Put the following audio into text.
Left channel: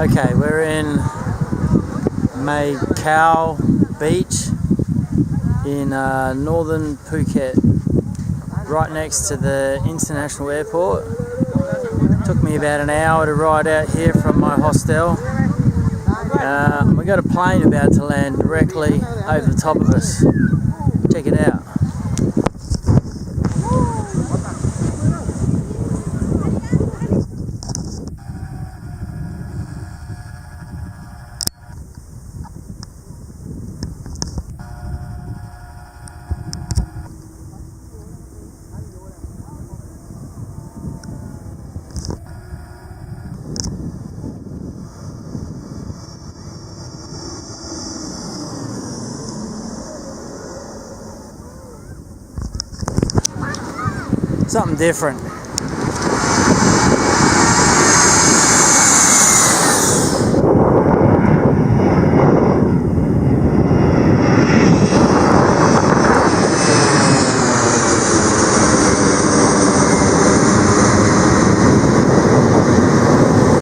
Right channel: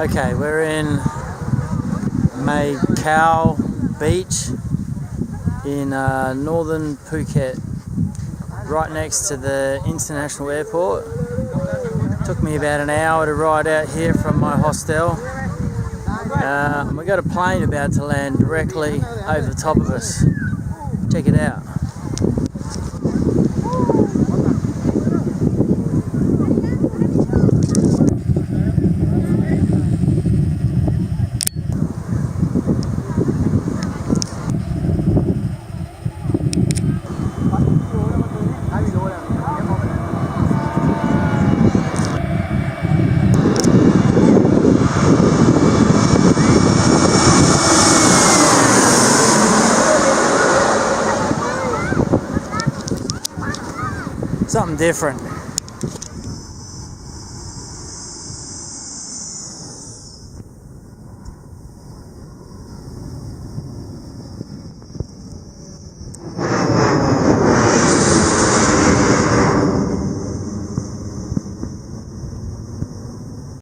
Okay, we're in Mai Khao Beach in northern Phuket, right next to the international airport. Took me about an hour to ride out here from my hostel. We got a plane about to land directly over the top of us. Check it out. Something different.